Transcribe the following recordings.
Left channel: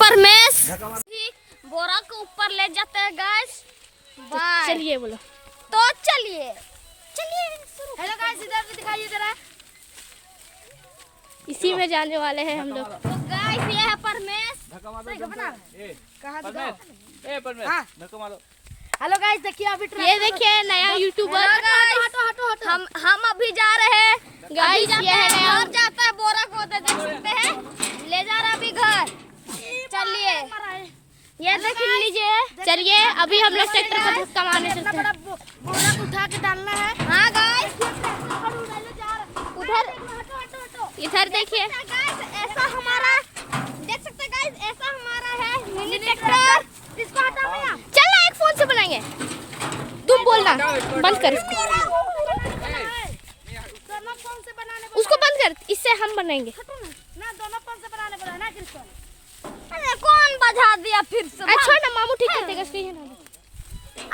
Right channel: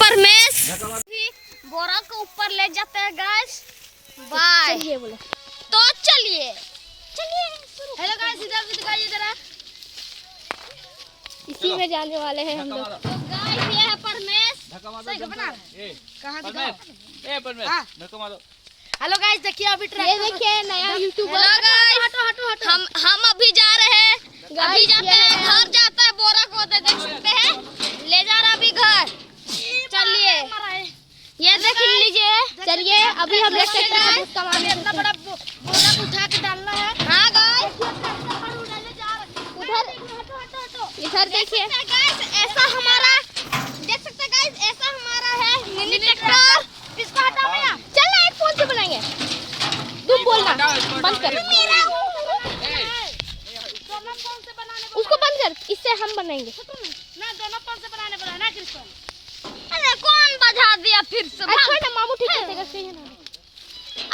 परमेश बोरा को ऊपर ले जाते हैं गाइस। बाय चलिए बोलो तो चलिए हेलो गाइस, इधर भी दिखाइए जरा। इसी में जाने वाले हैं हम लोग। तो गाइस ये है परमेश। सही का बना कहां दिखाओ ए परमेश मेरे को मारो। हेलो गाइस, देखिए अभी ये देखिए नया यूट्यूबर। हेलो गाइस, हम अभी जा रहे हैं। अभी जाते हैं घर, जाता है बोरा को देख सकते हैं, ले जा रहा अभी घर। चलिए ये देख लीजिए। चलिए अभी हम लोग ट्रैक्टर का बहुत सामान इतना बड़ा बोरा उठा के डालना है। हां गाइस, उधर इधर देखिए गाइस, ऐसा हमारा देख सकते हैं गाइस, ऐसा हमारा है मिनी ट्रैक्टर। इसको हटाओ भैया। चलना एक फोन से बनाएंगे। तुम बोलना बंद कर, उसको बंद कर, इससे हम बनाएंगे। ना दोनों फोन से बनाने बोला ना किसको। अरे कौन बजा दिया फिर से। अच्छा ना मामू ठीक कर देगा, सही है ना।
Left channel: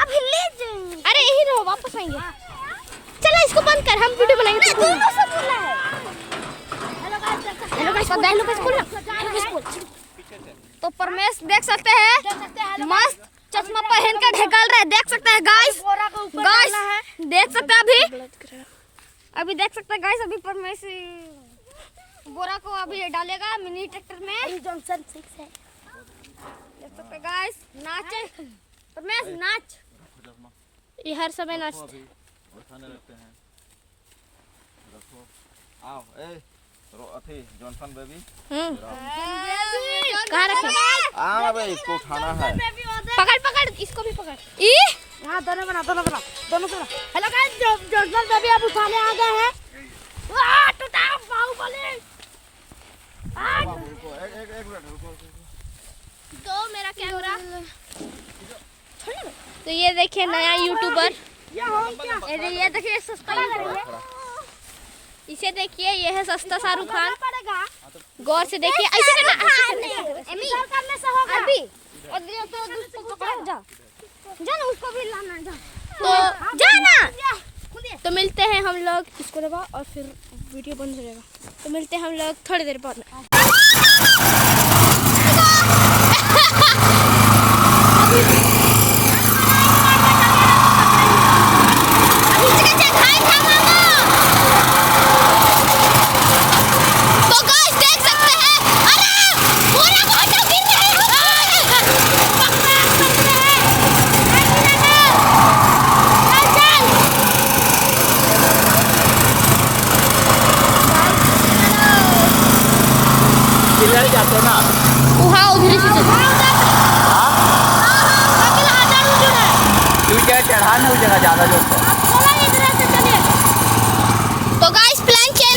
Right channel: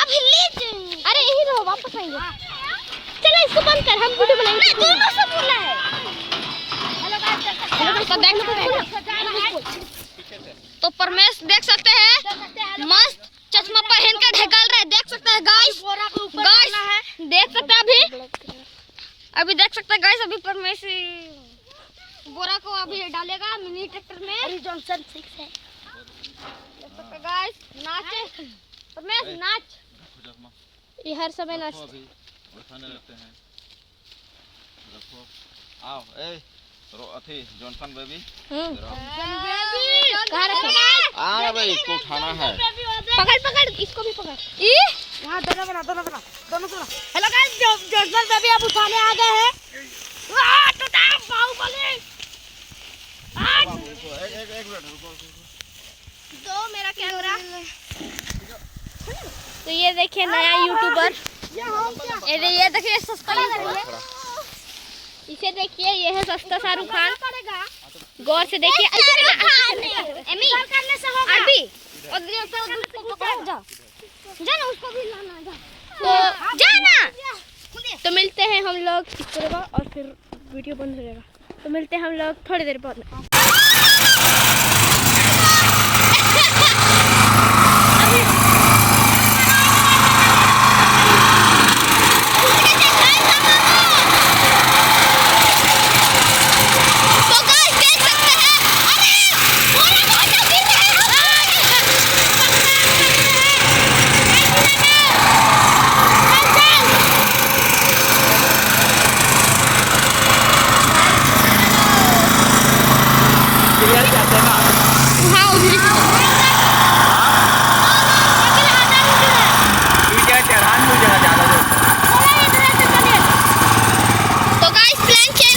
अभी ले जाइए। अरे यही रहो, वापस आएंगे। चलो इसको बंद कर, हम वीडियो बनाएंगे। दोनों से बोला है। हेलो गाइस, तो परमेश देख सकते हैं मस्त चश्मा पहन कर ढकल रहे, देख सकते हैं गाइस। गाइस देख सकते हैं अभी देख सकते हैं गाइस, अभी परमेश बोरा को अभी डालेगा मिनी ट्रैक्टर में। जॉनसन 6 है। देख सकते हैं गाइस, नाचे परमेश नाच। ये हर समय नाच। अभी उठाने लगते हैं। रखो आओ ए अथी जॉनसन बेबी कहाँ रखे? आओ भाई, इसको उठाना है। पकड़ पकड़, इसको भी पकड़। हाँ दोनों बना दोनों बना। हेलो गाइस, जॉनसन बेबी अब उठाने आ गए हैं। बाहुबली एक मिनट रुको। तो मेरा क्या हो रहा? तो ये देखिए नया यूट्यूबर। ये देखिए सब्सक्राइब करिए। इसे देखिए, ये है सस्ता शाहरुख खान। गौर से देखिए। ऐसे करने से होगा। अभी जाना उसको भी लाना जा। तो जाना। तो मिलते हैं हम लोग, इसको रहेगा और फिर वीडियो बंद हो जाएगा। तो मिलते हैं हम लोग थोड़ी देर बाद।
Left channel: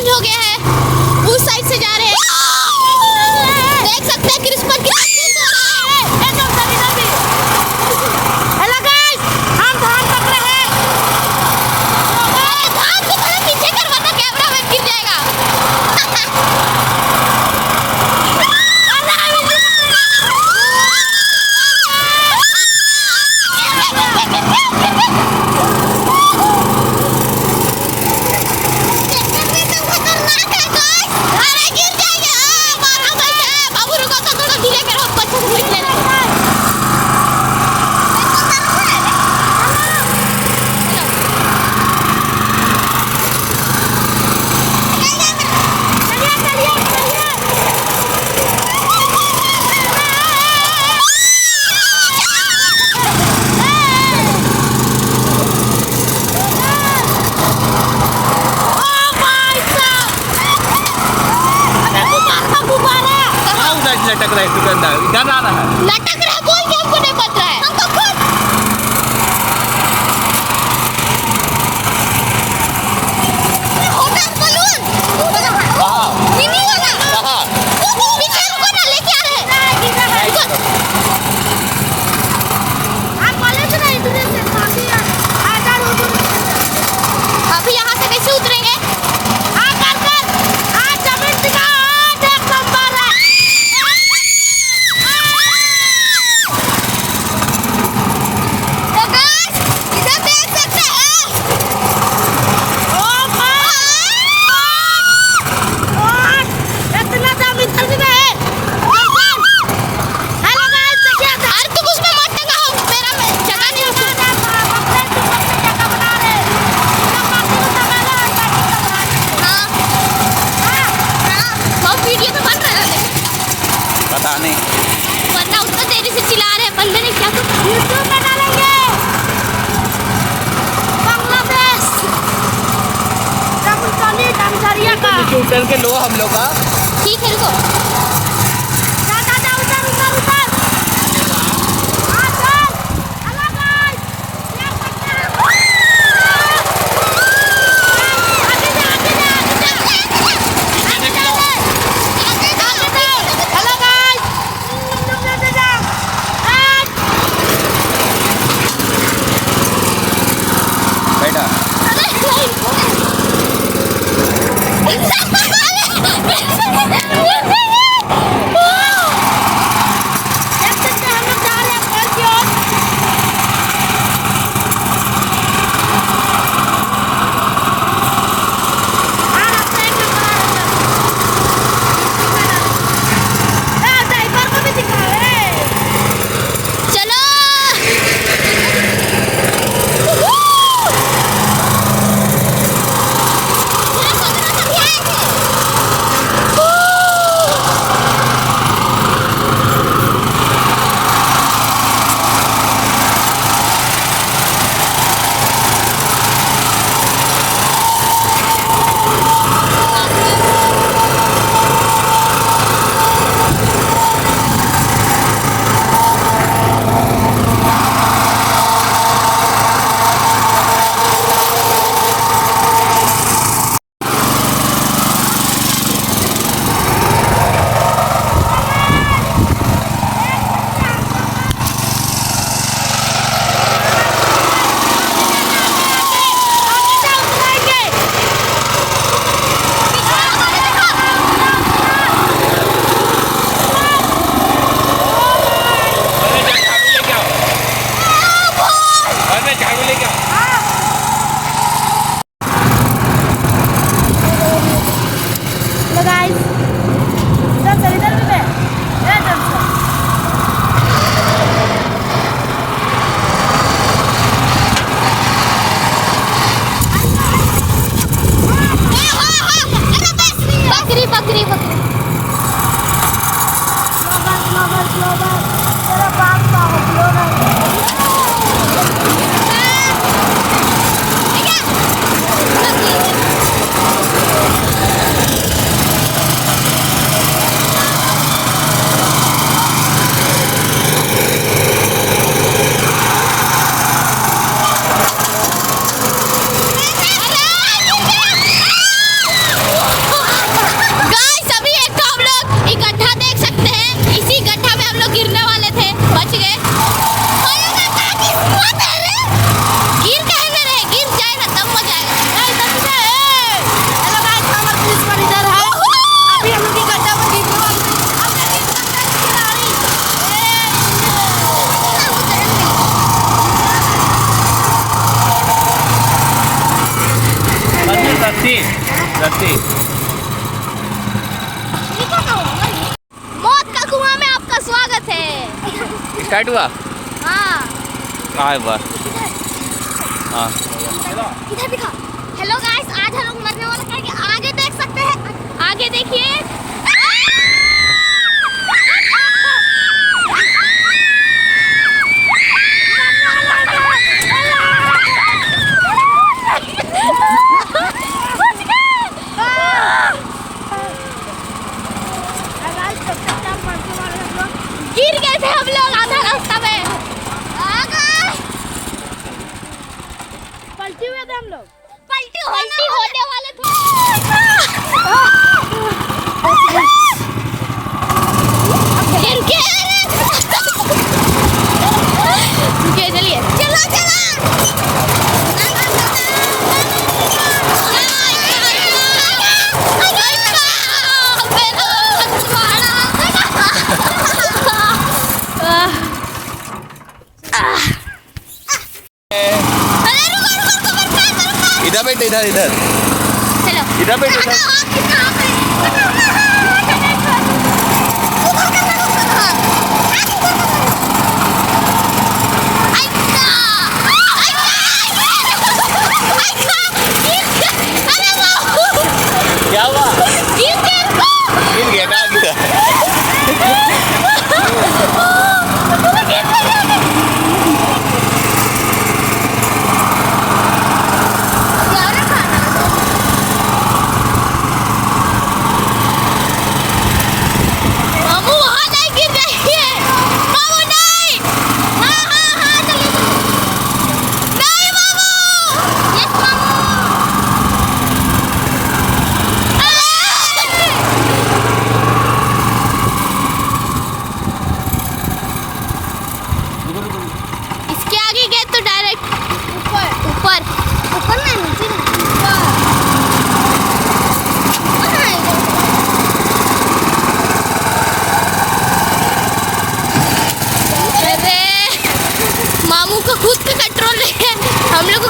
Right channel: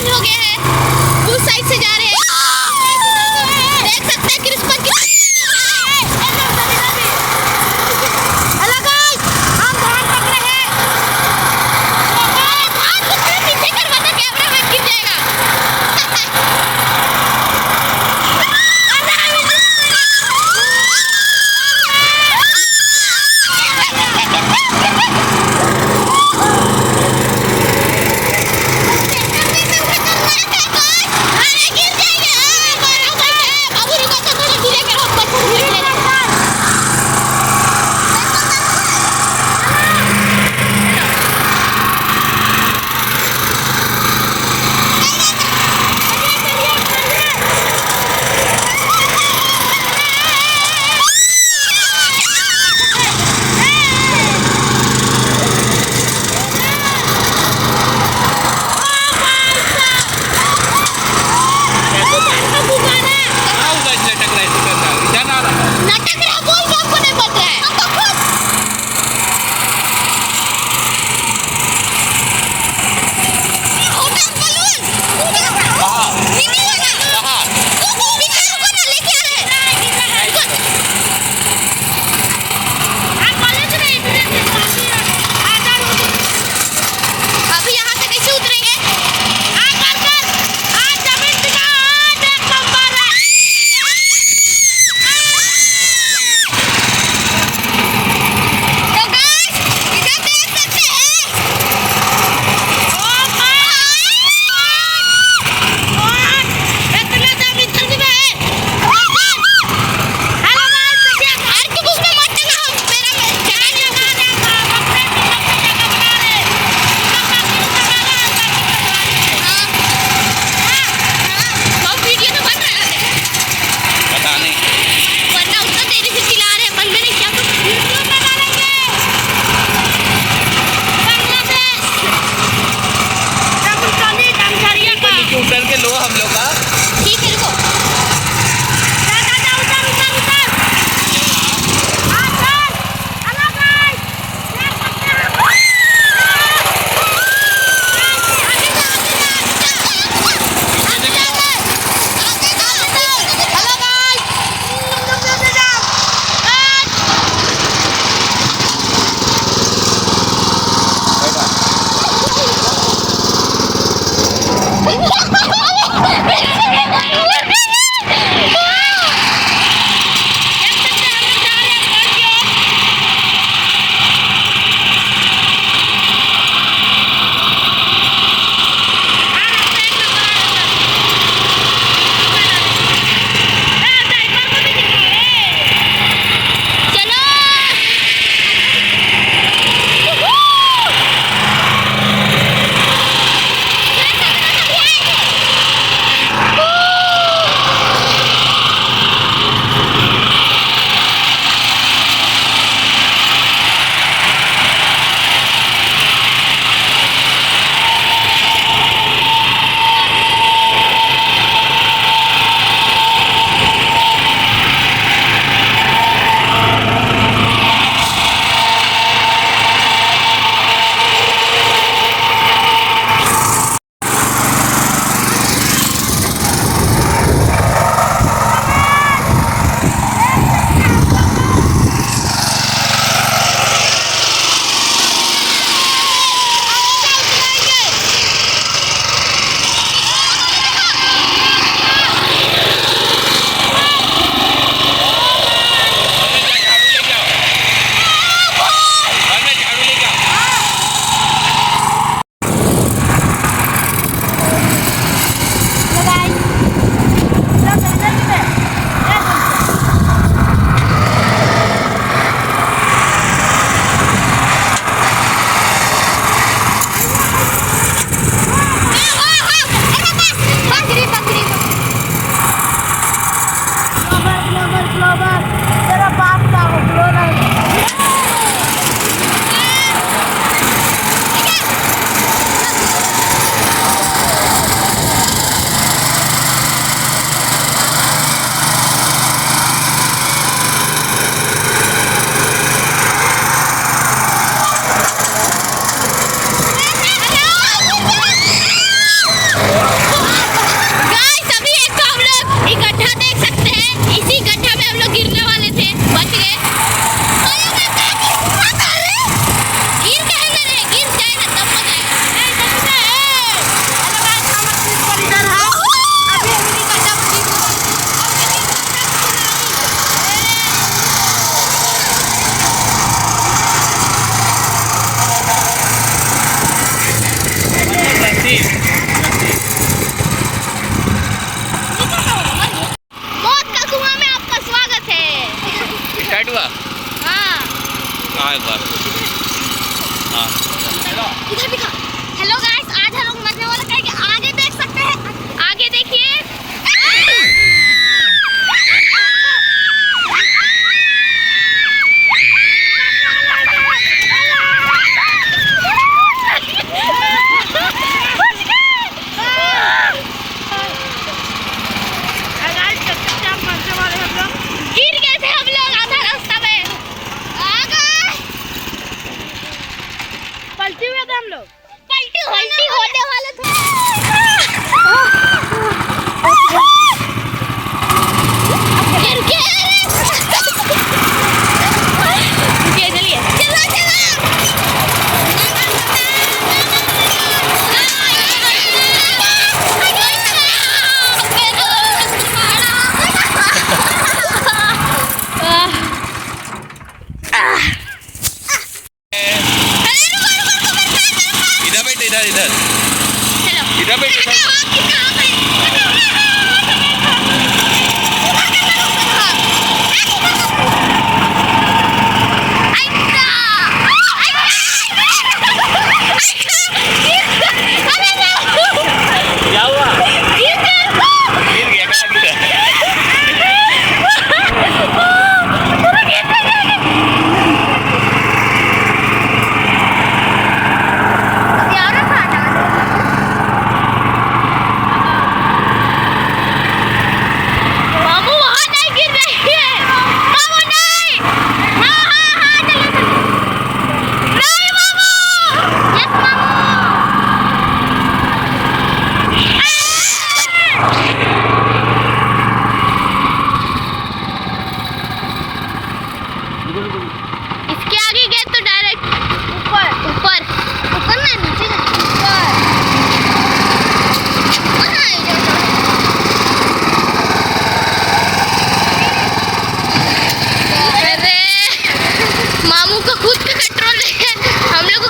हो गया है, उस साइड से जा रहे हैं। देख सकते हैं क्रिस्पर की तानू वरना उतना तेजी से चिल्ला रहे हैं, बंदे ने क्या तो यूट्यूब बना लेंगे। बांग्लादेश राहुल डांसरिया का उतर के लो हम लोग का ठीक है, रुको जा जा जा, उतर उतर उतर। हाँ चल, हेलो गाइस, स्टार्ट हुआ हाँ एक बार हाँ इधर भी हेलो गाइस, आज हम लोग मरने वाला क्या है कि आगे देख सकते हैं, आगे देखिए। गिर गए थे हम लोग आधा रास्ता में, पलटी हुए थे हम लोग, पलटी होने वाले थे। चलिए इधर बैठ इधर इधर चलो इधर बैठ इधर क्या हुआ गिर गया कहाँ गिरा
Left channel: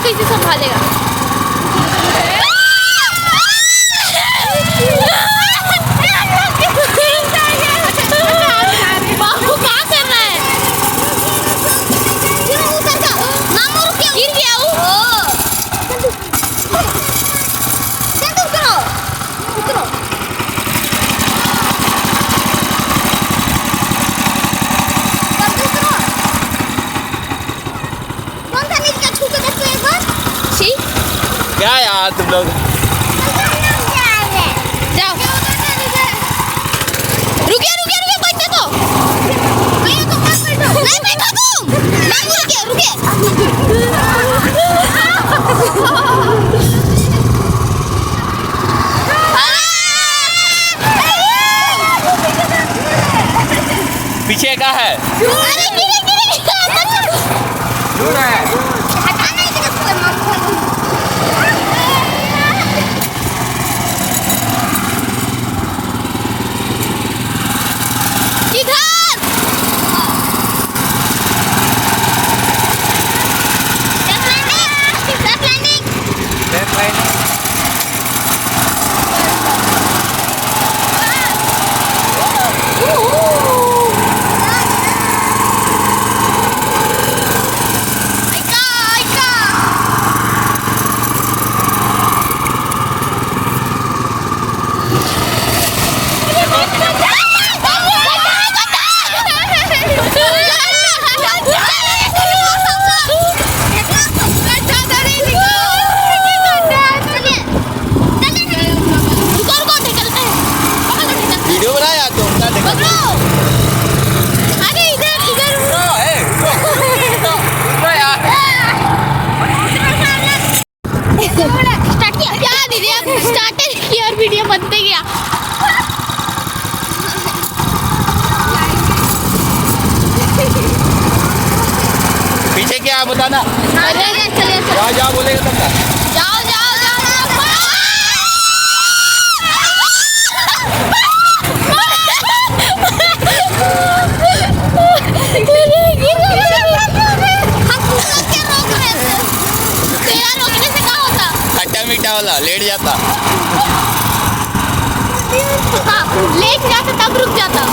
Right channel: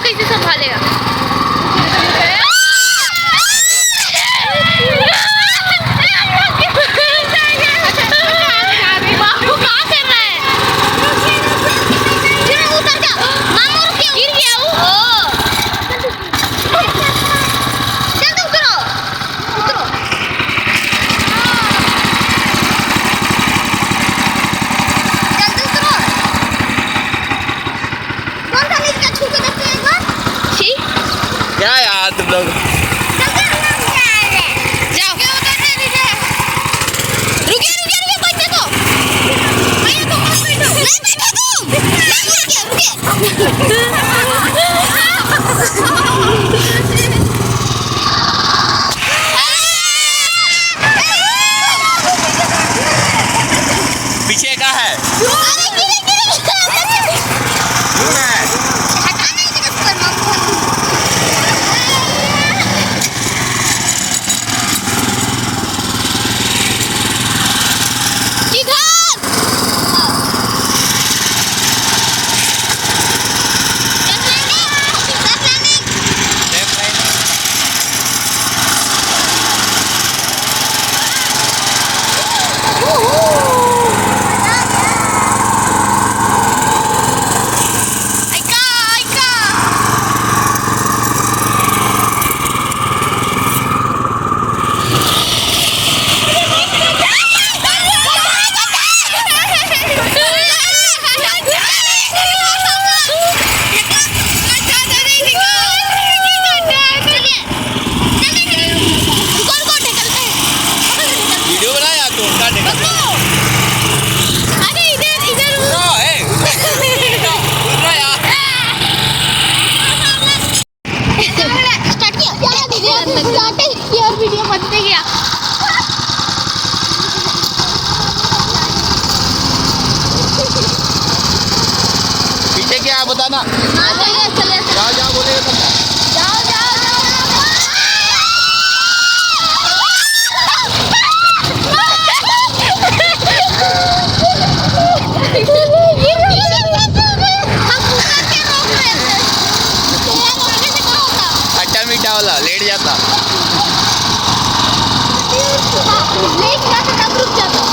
कैसे संभालेगा? बाबू क्या कर रहा है? उतर जा। गिर गया वो। जल्दी उतरो, उतरो। जल्दी उतरो। कौन सा नीचे छू के देखते एक बार? ठीक। क्या यार तुम लोग? जाओ। रुकिए रुकिए रुकिए मत देखो। भैया को मत बैठो। नहीं बैठो तुम। नहीं रुकिए रुकिए। पीछे क्या है? अरे गिरे गिरे गिरे। हटा नहीं दे इसको। किधर? वीडियो बनाया तो उनका देखो। अरे इधर इधर स्टार्ट किया क्या दीदी? स्टार्ट किया और वीडियो बनते गया। पीछे क्या है बताना। चलिए चलिए जाओ जाओ बोलेगा तब तक। जाओ जाओ खट्टा मीठा वाला लेट जाता। लेट जाता तब रुक जाता।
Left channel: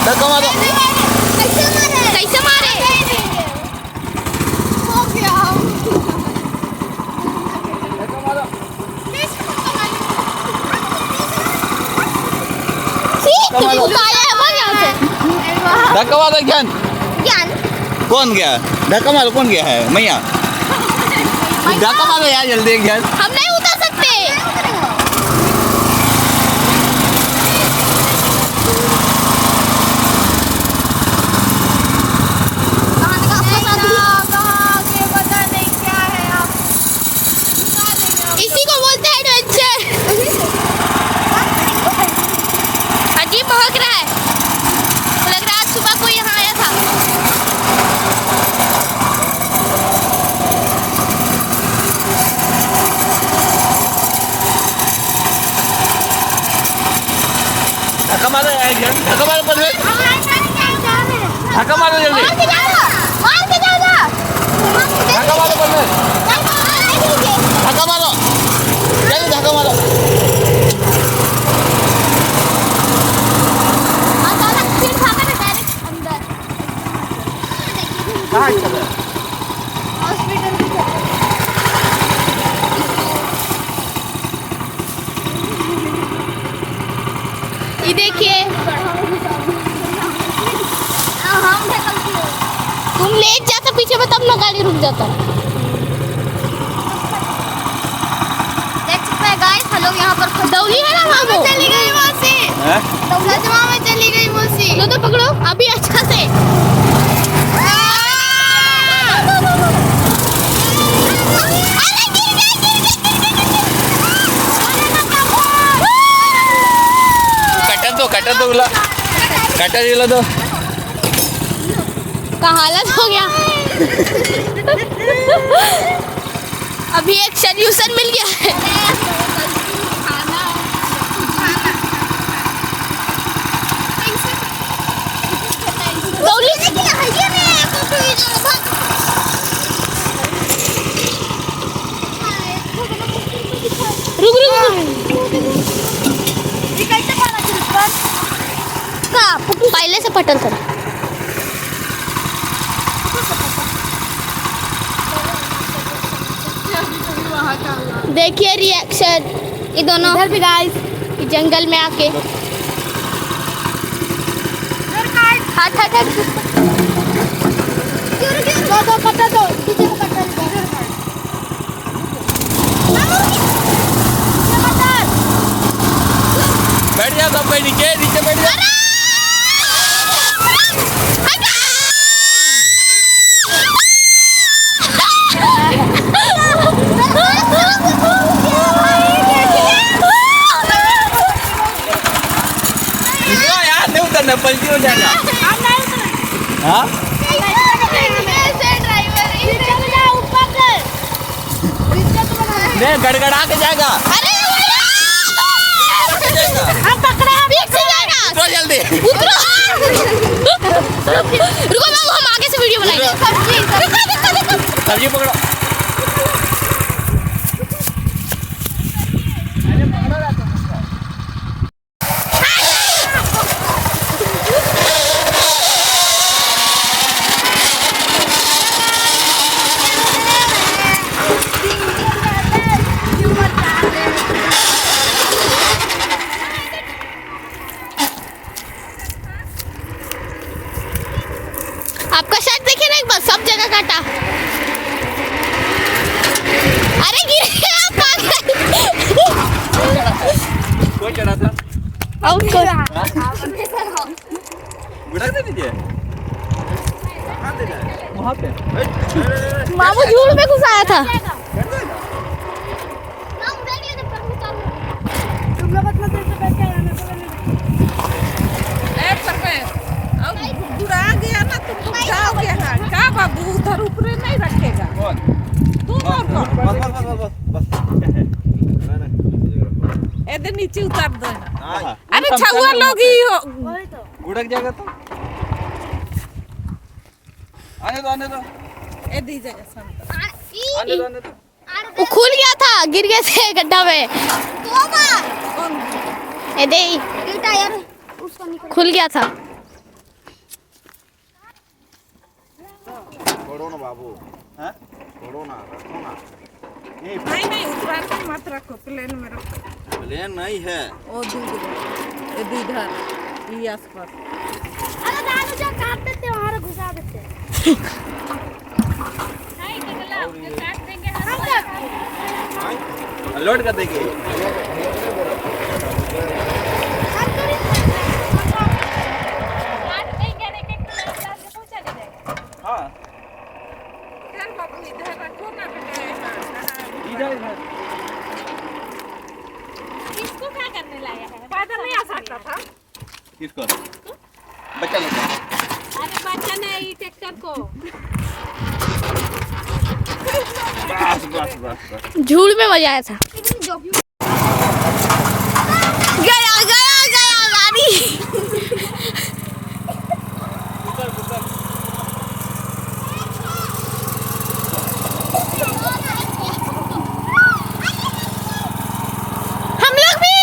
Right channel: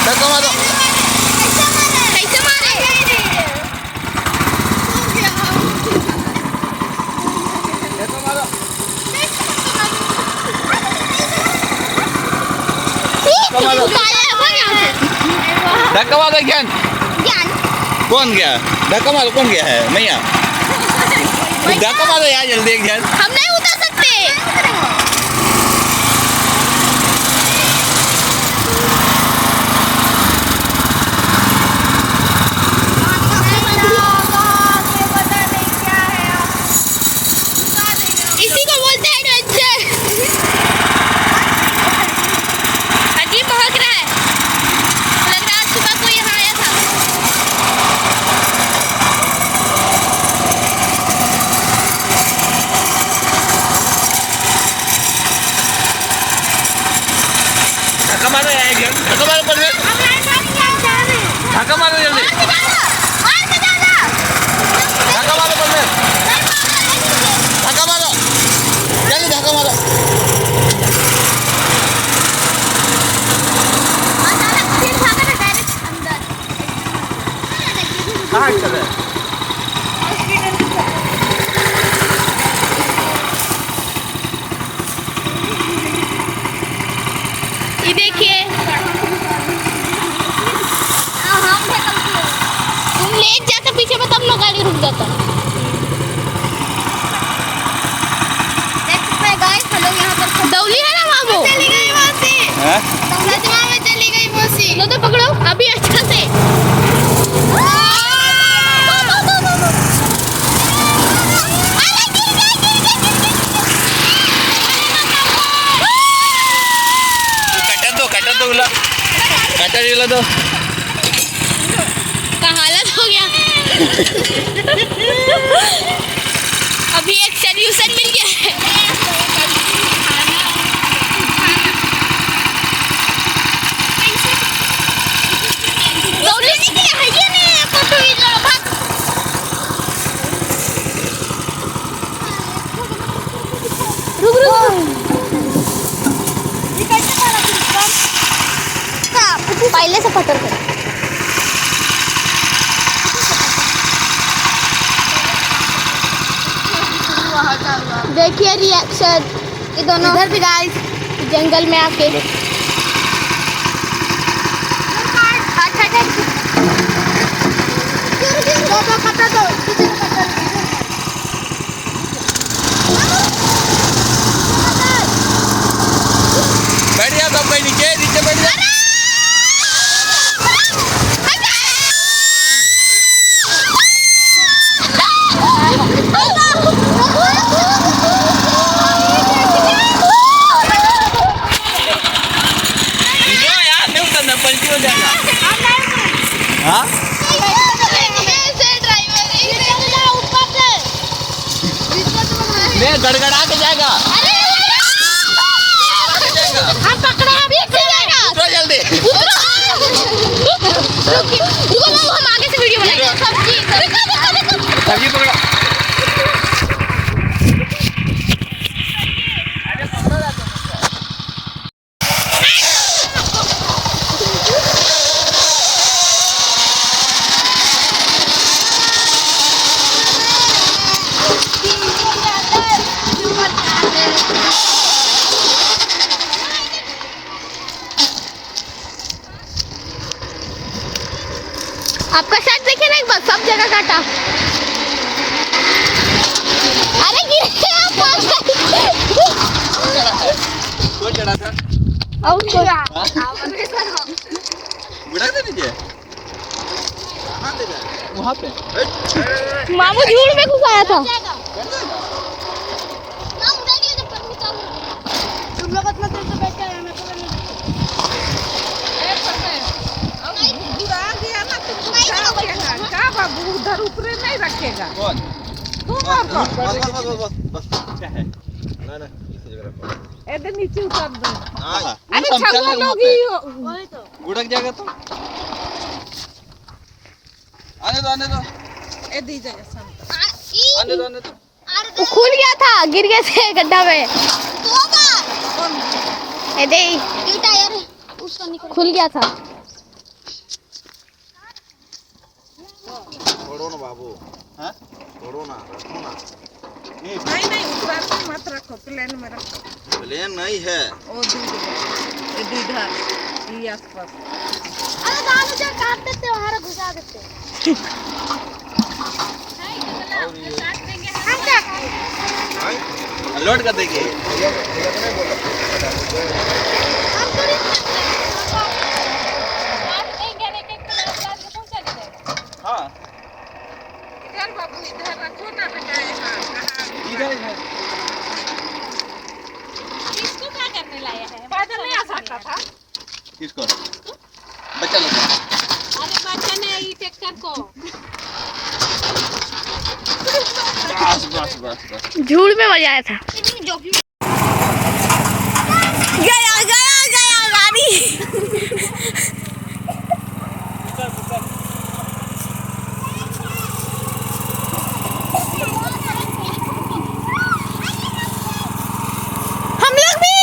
धक्का मारो। कैसे मारे? धक्का मारो ज्ञान। कौन गया? धक्का मारो कौन गया है? मैया धक्का मारो यार जल्दी ज्ञान। हम नहीं उतर सकते। इसी को बोलते हैं एडवेंचर। अजीब महक रहा है। लग रहा है आज सुबह कोई यहाँ आया था। ये देखिए तुम लेट जाते पीछे में तब लोग गाड़ी रुक जाता। देख सकते हैं गाइस हम लोग यहाँ पर दौली है ना वहाँ वो चली गई वहाँ से हैं? दौलतवा में चली गई वो से लो तो पकड़ो अभी अच्छा से कटर दो कटर दो का हालत हो गया। अभी एक सोल्यूशन मिल गया है। रुक पहले से पटल कर देखिए रिएक्शन ये दोनों इधर भी गाइस जंगल में आके बैठ जा सब कोई नीचे नीचे बैठ जा पलटी हो जाएगा। हाँ नहीं गड़गड़ा के जाएगा। हम पकड़ा अभी जाएगा जल्दी उतरो रुको हम आगे से वीडियो बनाएंगे सब्जी पकड़ो आपका शर्ट देखिए ना एक बार सब जगह काटा। अरे गिर गया कौन चढ़ा था आउट कर बुढ़ा दे दीजिए वहाँ पे मामू झूठ में घुसाया था। तुम लोग अपना तरीके बैठ के बाबू उधर ऊपरे नहीं रखेगा कौन बस क्या है इधर नीचे उतार दो। हाँ अरे छुआ लोग ही हो गुड़क जाएगा तो आने दो ए दी जाए आने दो वो खुल गया था गिर गया थे गड्ढा में ए दे टायर खुल गया था। छोड़ो ना बाबू हाँ छोड़ो ना नहीं उतार के मत रखो प्लेन में रखो। प्लेन नहीं है ओ दूध ये आसपास अरे दारू जा काट देते वहां घुसा देते लोड कर देंगे हाँ इधर रखो ना इधर इसको क्या करने लाया है बादल नहीं आ सकता था किसको बच्चा लोग अरे बच्चा ने ये ट्रैक्टर को बस झूठ में मजा आया था। गया गाड़ी हम लोग भी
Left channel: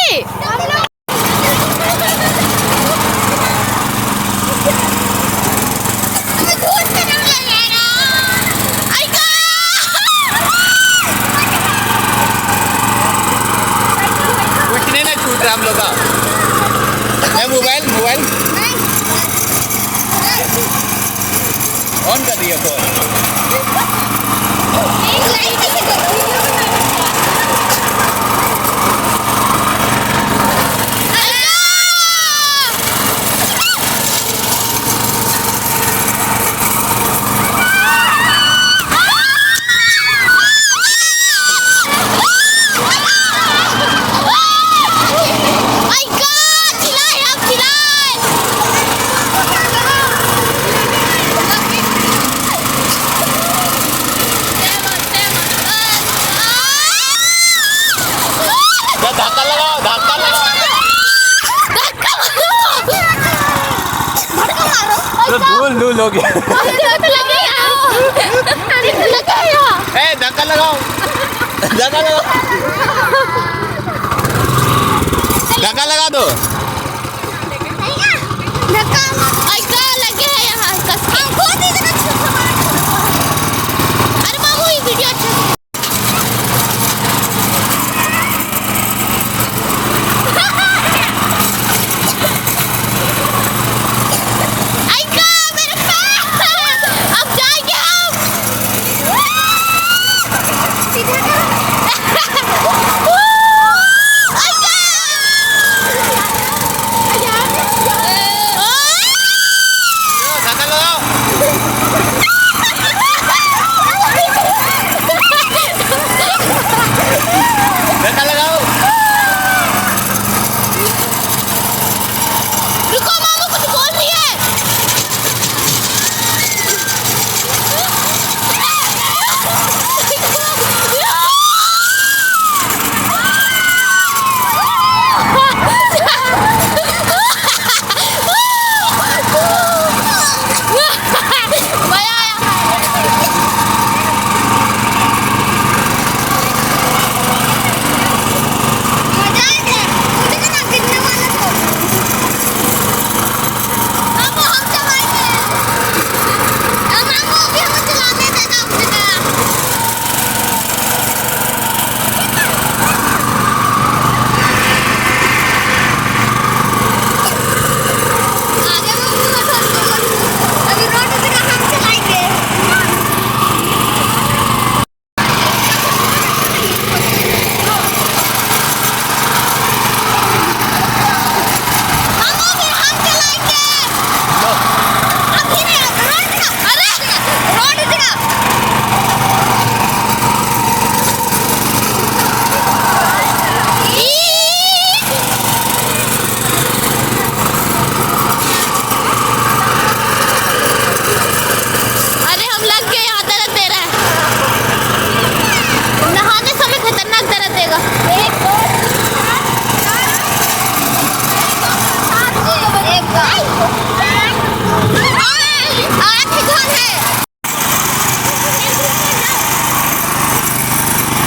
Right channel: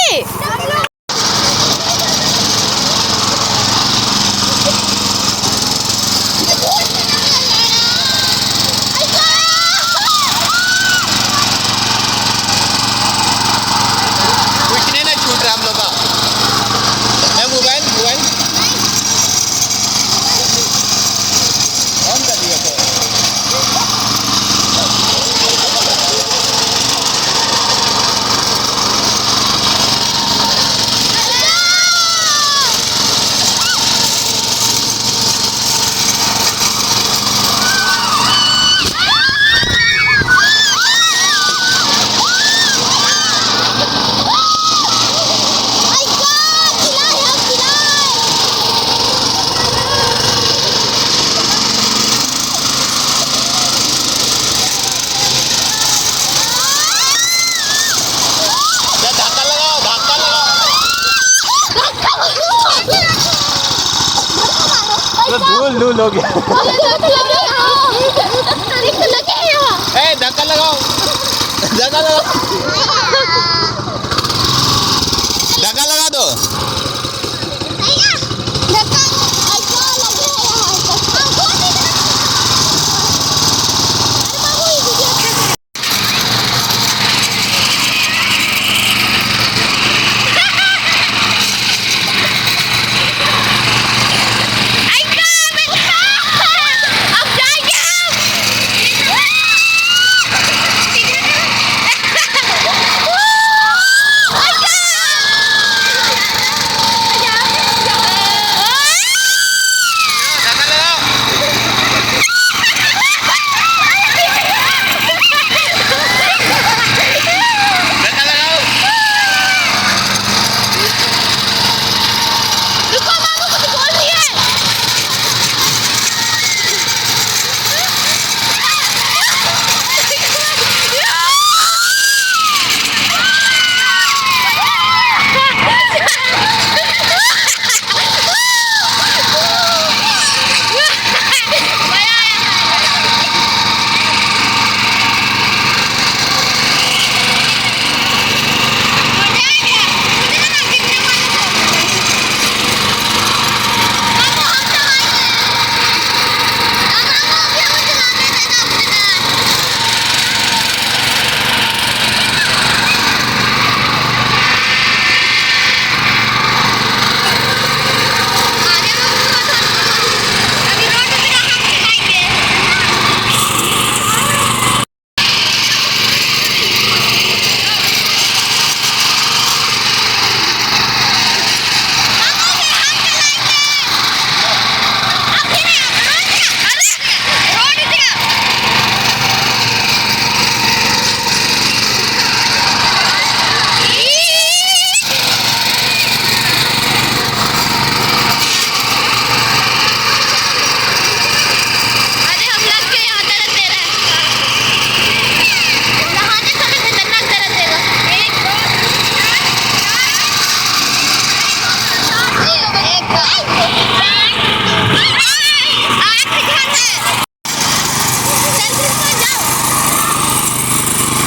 लूल हो गया धक्का लगाओ धक्का लगाओ धक्का लगा दो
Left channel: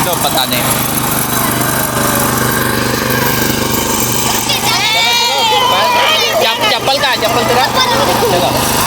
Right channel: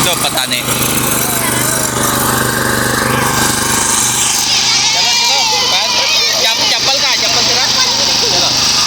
तो पता नहीं चप्पल का चप्पल तेरा चलो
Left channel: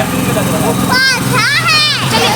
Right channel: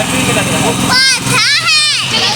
फैक्ट्री में लग रहा है। चलो